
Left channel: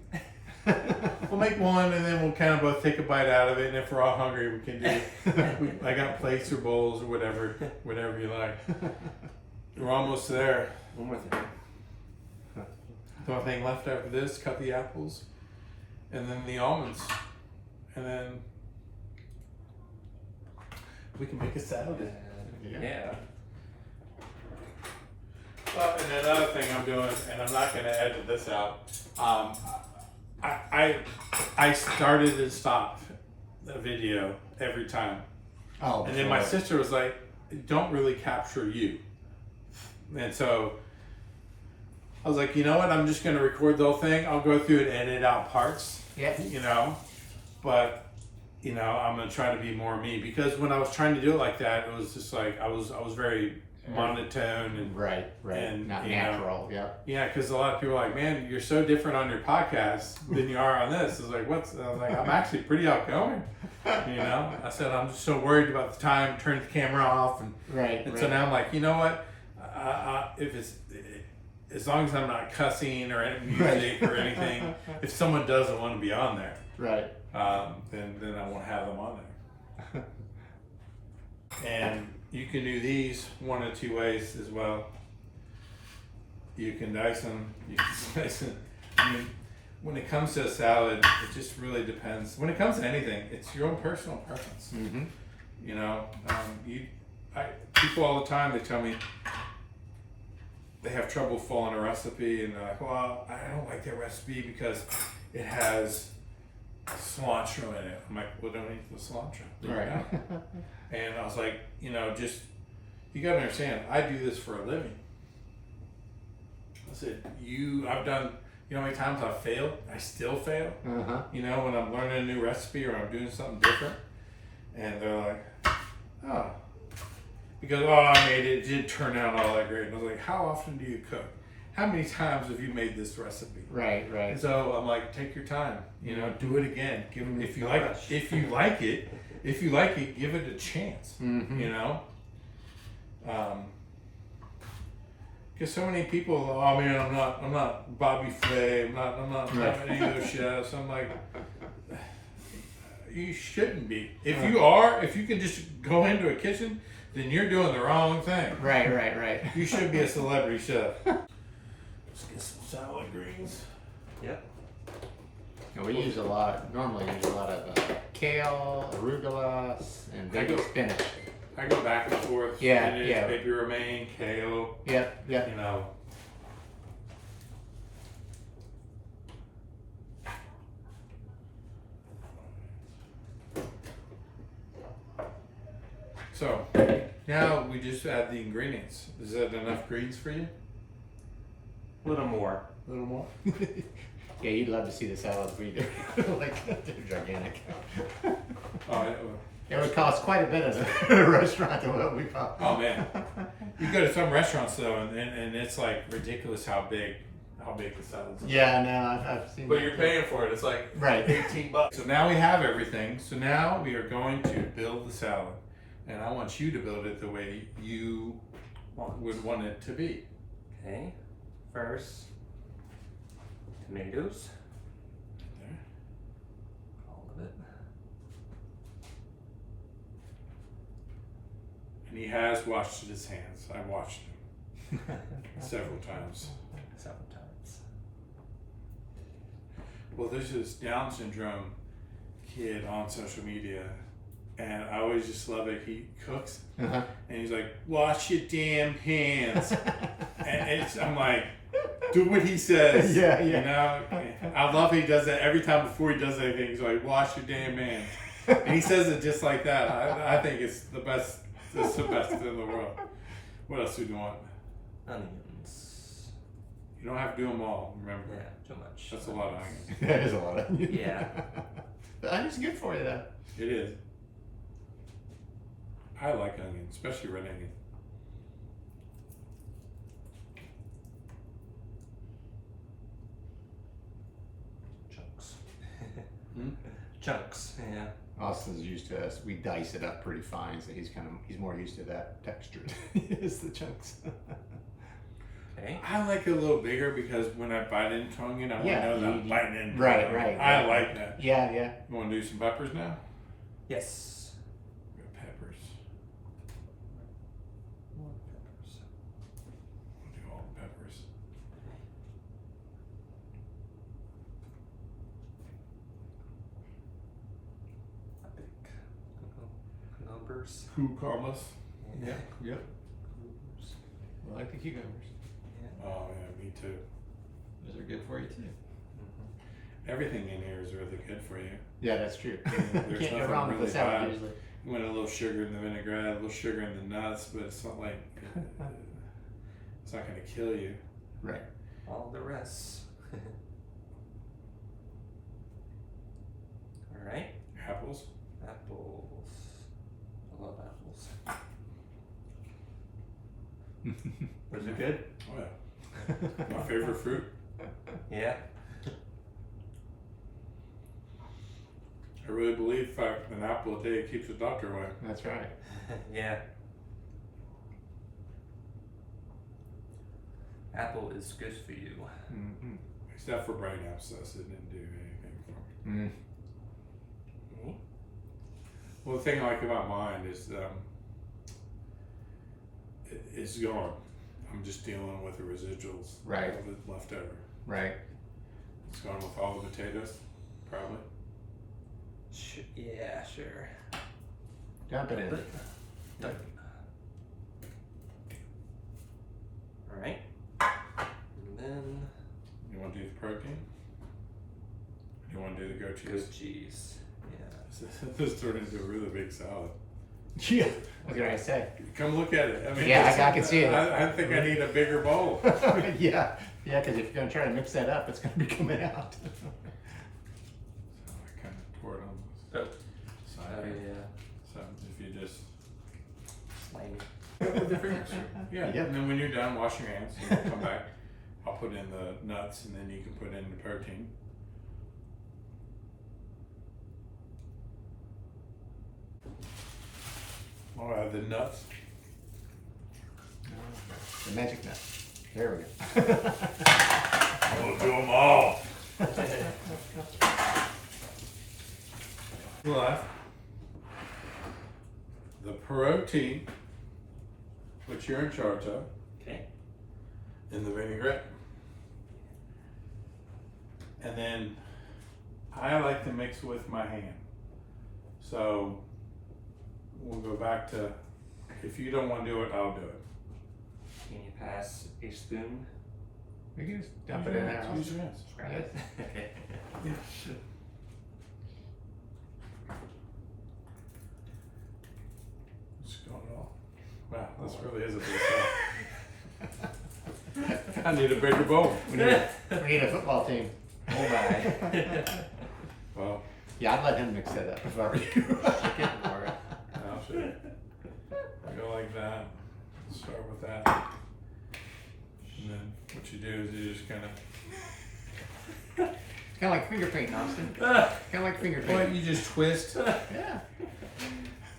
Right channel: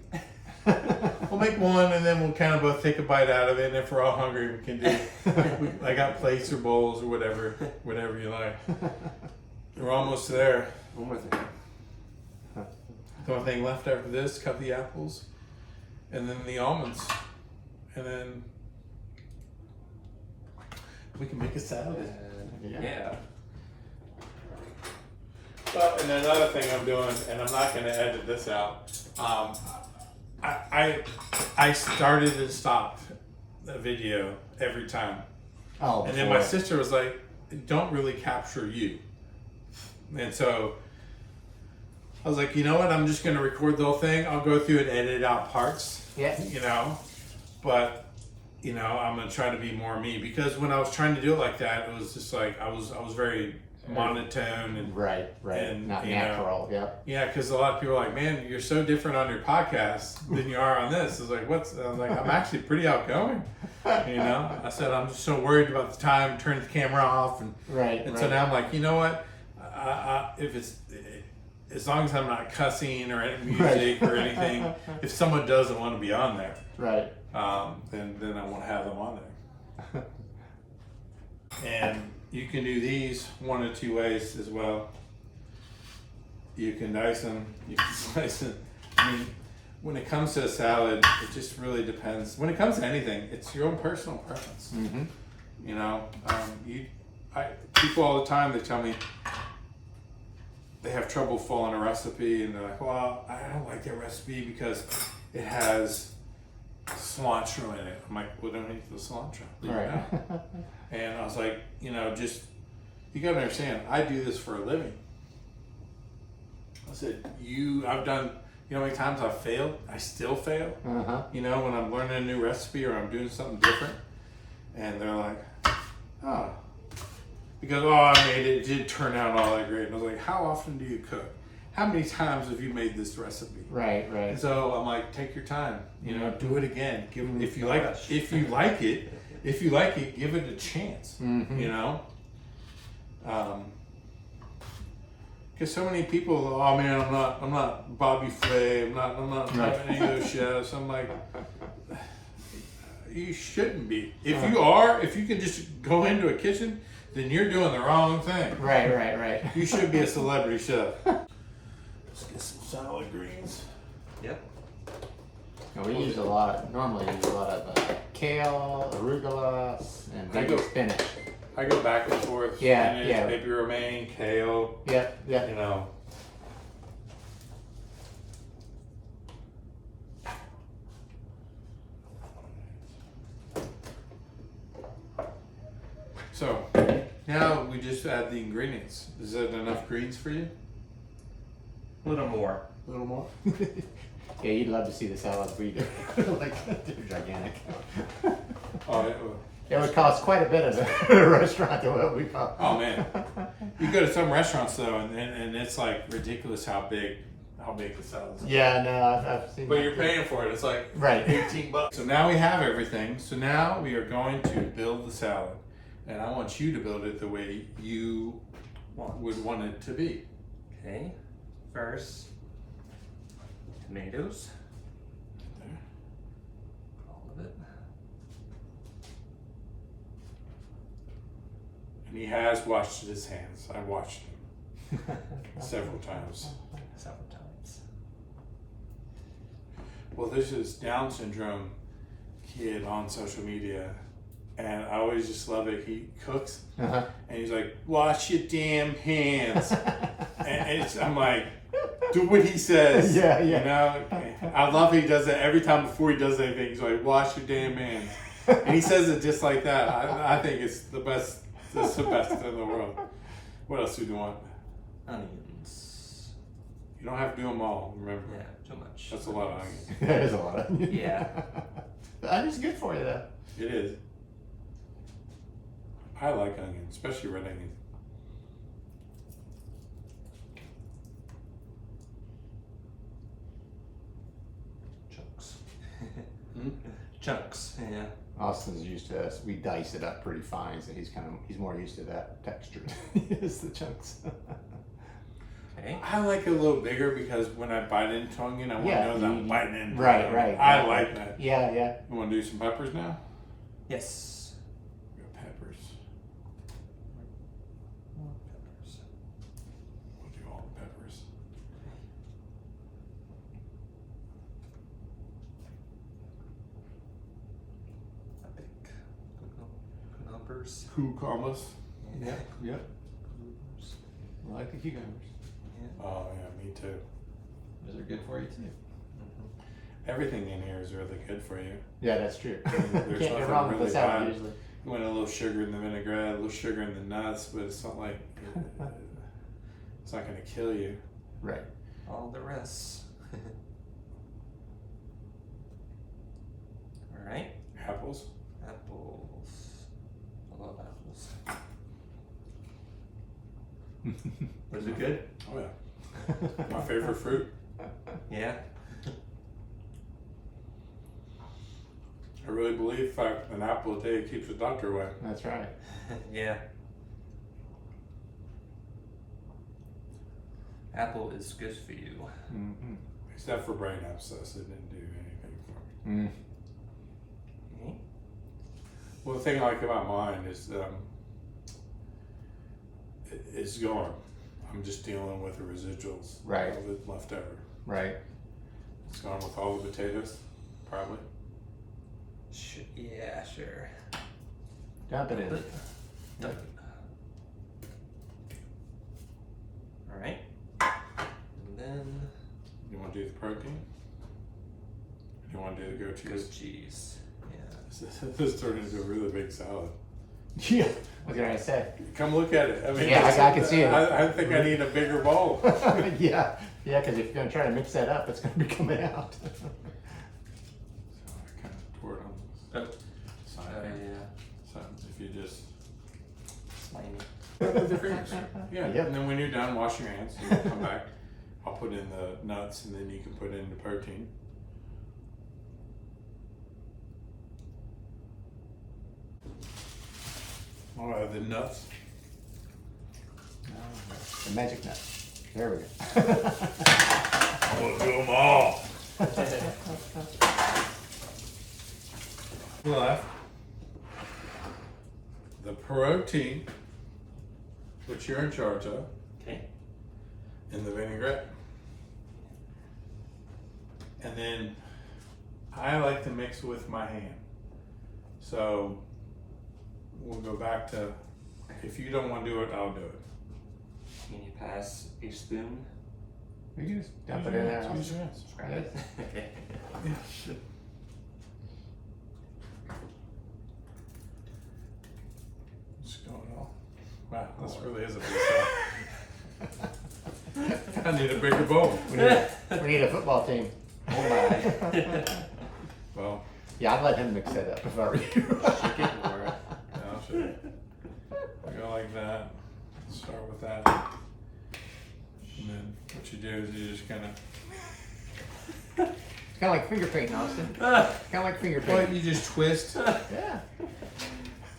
we'll make one, and then we'll kind of both take a bite out of it. And if we're all hungry, we can do. I got plates or bowls or whatever you like. We're almost there. One more thing. The only thing left after this, cut the apples, and then the almonds, and then we can make a salad. Yeah. And another thing I'm doing, and I'm not going to edit this out. I started and stopped the video every time, Oh, and then my sister was like, "Don't really capture you," and so I was like, "You know what? I'm just going to record the whole thing. I'll go through and edit out parts." Yeah. You know, but I'm gonna try to be more me, because when I was trying to do it like that, it was just like I was very monotone and Right, and, not you know, natural. Yeah. because a lot of people are like, "Man, you're so different on your podcast than you are on this." It's like, I was like, I'm actually pretty outgoing. I said I'm just so worried about the time, turn the camera off, and Right. so now I'm like, you know what? If it's as long as I'm not cussing or any music or anything, if someone doesn't want to be on there, Right. then I won't have them on there. And you can do these 1 or 2 ways as well. You can dice them, you can slice them. I mean, when it comes to a salad, it just really depends. When it comes to anything, it's your own personal preference. Mm-hmm. People all the time, they tell me they have trouble following a recipe, and they're like, "Well, I don't like that recipe because it has cilantro in it." I'm like, "Well, don't eat the cilantro." All right. And I was like, just, you gotta understand, I do this for a living. I said, I've done, how many times I've failed? I still fail. Uh-huh. When I'm learning a new recipe or I'm doing something different. And they're like, "Oh." Because, I made it, it didn't turn out all that great. And I was like, "How often do you cook? how many times have you made this recipe? Right, And right. so I'm like, take your time, you know, do it again. If you No like, rush. if you like it, give it a chance. Mhm. You know, because so many people, oh man, I'm not Bobby Flay, I'm not any of those chefs. I'm like, you shouldn't be. If you are, if you can just go into a kitchen, then you're doing the wrong thing. Right, right, right. You should be a celebrity chef. Let's get some salad greens. Yep. And we normally use a lot of kale, arugula, and I baby go- spinach. I go back and forth. Yeah, spinach, yeah. baby romaine, kale. Yep, yep. You know. So now we just add the ingredients. Is that enough greens for you? A little more. A little more. Yeah, you'd love to see the salad we do. Like, they're gigantic. Oh, yeah. It would cost quite a bit of a restaurant to what we bought. Oh man. You go to some restaurants though, and it's like ridiculous how big the salads are. Yeah, no, I've seen But that. you're paying for it. It's like Right. $18. So now we have everything. So now we are going to build the salad, and I want you to build it the way you would want it to be. Okay. First, tomatoes. All of it. And he has washed his hands. I've watched him several times. Several times. Well, there's this Down syndrome kid on social media, and I always just love it. He cooks, Uh-huh. and he's like, "Wash your damn hands," and I'm like, "Do what he says." Yeah, yeah. You know, I love he does that every time before he does anything. He's like, "Wash your damn hands," and he says it just like that. I think it's the best. It's the best in the world. What else do you want? Onions. You don't have to do them all. Remember, Yeah, too much. that's a lot of onions. That is a lot. Yeah. The onion's good for you though. It is. I like onions, especially red onion. Chunks. Hmm? Chunks, yeah. Austin's used to us. We dice it up pretty fine, so he's more used to that texture. It's the chunks. Okay. I like it a little bigger because when I bite into onion, I want Yeah, to know that I'm you- biting into right, it. right, I yeah. like that. Yeah, yeah. You want to do some peppers now? Yes. We got peppers. More peppers. We'll do all the peppers. I think. Cucumbers. Cucumbers. Yeah. Yep. Cucumbers. I like the cucumbers. Yeah. Oh yeah, me too. Those are good for you too. Mm-hmm. Everything in here is really good for you. Yeah, that's true. There's Can't go nothing wrong with really the salad bad. usually. You want a little sugar in the vinaigrette, a little sugar in the nuts, but it's not like it's not going to kill you. Right. All the rest. All right. Apples. Apples. I love apples. Was it good? Oh yeah, my favorite fruit. Yeah. I really believe an apple a day keeps the doctor away. That's right. Yeah. Apple is good for you. Mm-hmm. Except for brain abscess, it didn't do anything for me. Mm. Okay. Well, the thing I like about mine is it's gone. I'm just dealing with the residuals. Right. All that's left over. Right. It's gone with all the potatoes, probably. Yeah, sure. Dump it in. Dump it. All right. And then You want to do the protein? You want to do the goat cheese? goat cheese. Yeah. This turned into a really big salad. Yeah. What did I say? Come look at it. I mean, Yeah, it's- I can see it. I think I need a bigger bowl. Yeah. Yeah, because if you're gonna try to mix that up, it's gonna be coming out. So I kind of pour it on Oh. the side. Oh yeah. So if you just Slimy. with your fingers. Yeah. Yep. And then when you're done, wash your hands. And then come back. I'll put in the nuts and then you can put in the protein. I'll add the nuts. The magic nut. There we go. I'm gonna do them all. Left the protein, which you're in charge of, Okay. in the vinaigrette. And then I like to mix with my hand. So we'll go back to, if you don't want to do it, I'll do it. Can you pass a spoon? We can just dump it in there. Use your hands. Try it. Okay. Yeah, sure. What's going on? Wow, this really is a big stuff. I need a bigger bowl. We need a football team. Oh my. Well, Yeah, I'd let him mix that up if I were you. I'll show you. I go like that. Start with that. And then what you do is you just kind of, Kind of like finger painting, Austin. Kind of like finger well, painting. you just twist Yeah.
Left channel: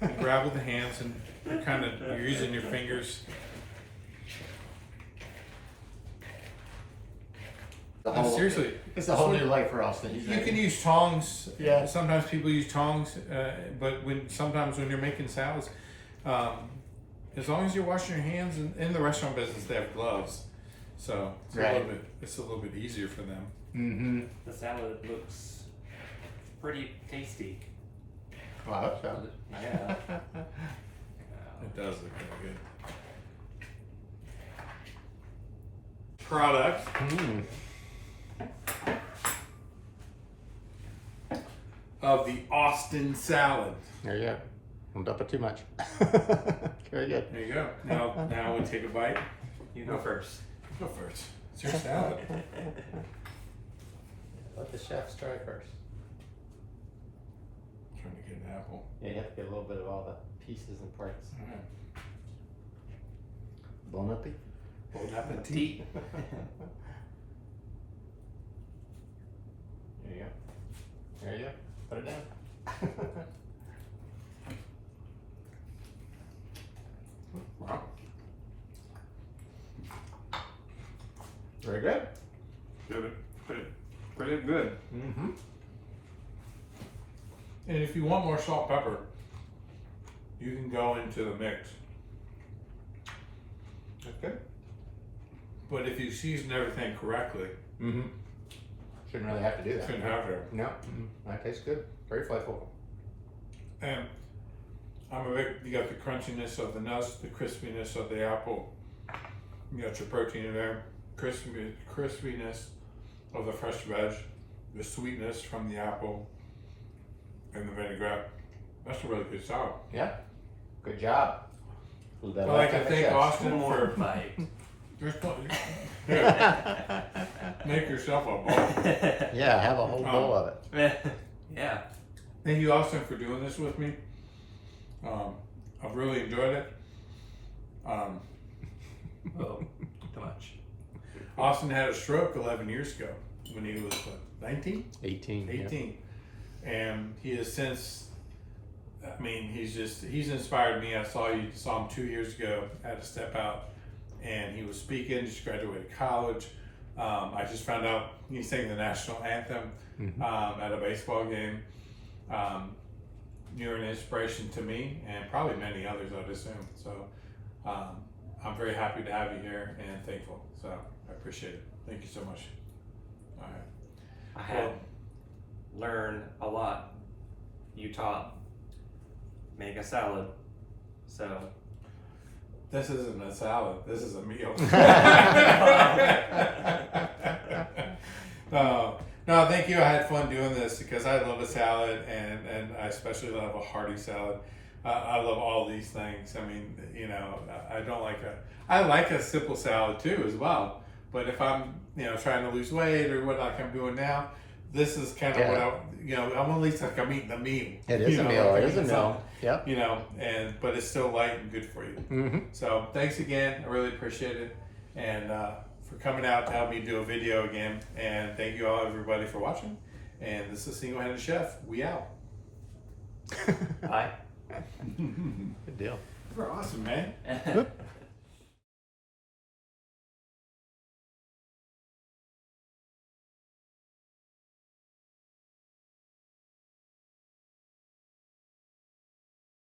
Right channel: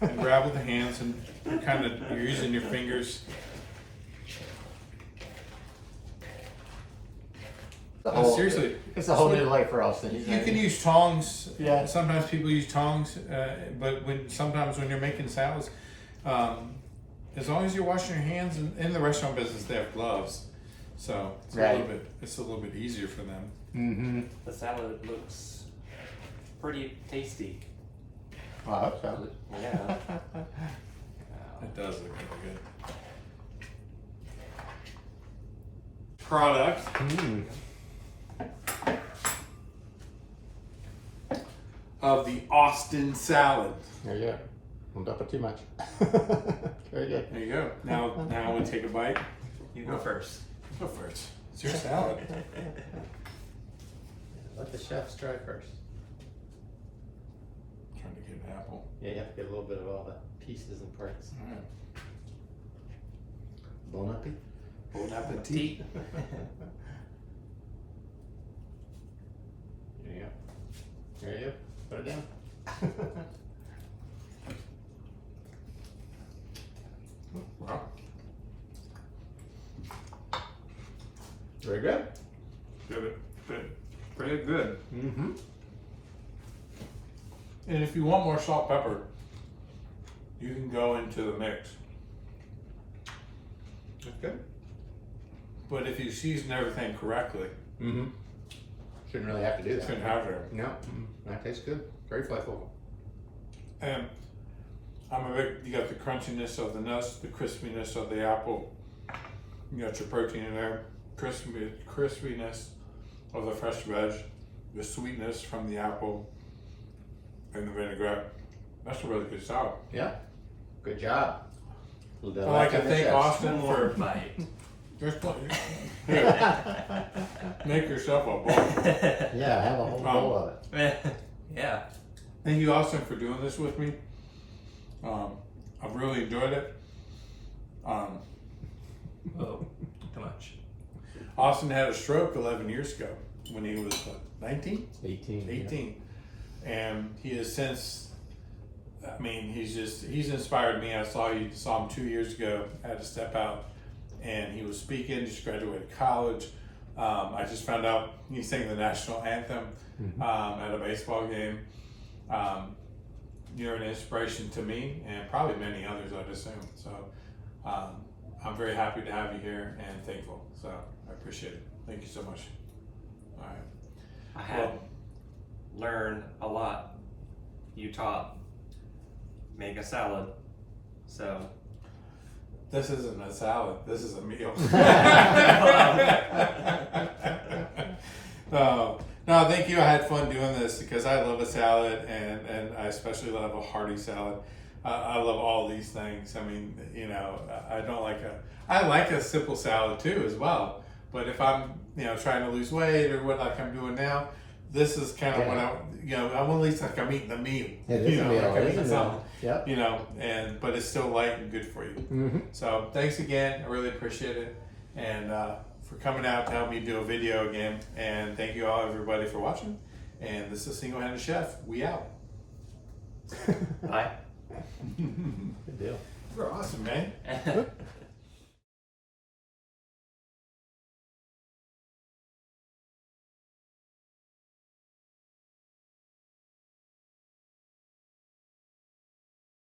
and grab with the hands, and you're using your fingers. Seriously, It's a whole new life for Austin. you can use tongs. Yeah. Sometimes people use tongs, but sometimes when you're making salads, as long as you're washing your hands, in the restaurant business they have gloves, so Right. it's a little bit easier for them. Mm-hmm. The salad looks pretty tasty. Well, I hope so. Yeah. It does look really good. Product Mm. of the Austin salad. There you go. Don't dump it too much. Very good. There you go. Now we take a bite. You go first. Go first. It's your salad. Let the chefs try first. Trying to get an apple. Yeah, you have to get a little bit of all the pieces and parts. All right. Bon appetit. Bon appetit. Tea. There you go. There you go. Put it down. Wow. Very good. Pretty good. Mm-hmm. And if you want more salt, pepper, you can go into the mix. Okay. But if you season everything correctly, Mm-hmm. Shouldn't really have to do that. shouldn't have to. No. Mm-hmm. That tastes good. Very flavorful. And you got the crunchiness of the nuts, the crispiness of the apple. You got your protein in there, crispiness of the fresh veg, the sweetness from the apple, and the vinaigrette. That's a really good salad. Yeah. Good job. I'd like to thank One Austin more for bite. there's plenty. Make yourself a bowl. Yeah, have a whole bowl of it. Yeah. Thank you, Austin, for doing this with me. I've really enjoyed it. Oh, too much. Austin had a stroke 11 years ago when he was, what, 19? 18. 18. And he has since, I mean, he's inspired me. I saw him 2 years ago, had to step out, and he was speaking, just graduated college. I just found out he sang the national anthem at a baseball game. You're an inspiration to me and probably many others, I'd assume. So I'm very happy to have you here and thankful. So I appreciate it. Thank you so much. All right. I had learned a lot. You taught make a salad, so This isn't a salad. This is a meal. No, thank you. I had fun doing this because I love a salad, and I especially love a hearty salad. I love all these things. I mean, you know, I like a simple salad too as well. But if I'm, trying to lose weight or what like I'm doing now, this is kind of what I'm at least like I'm eating a meal. It is a meal. like I'm It is a eating meal. Yep. something, but it's still light and good for you. Mm-hmm. So thanks again. I really appreciate it. And for coming out to help me do a video again. And thank you all, everybody, for watching. And this is Single Handed Chef. We out. Bye. Good deal. You're awesome, man.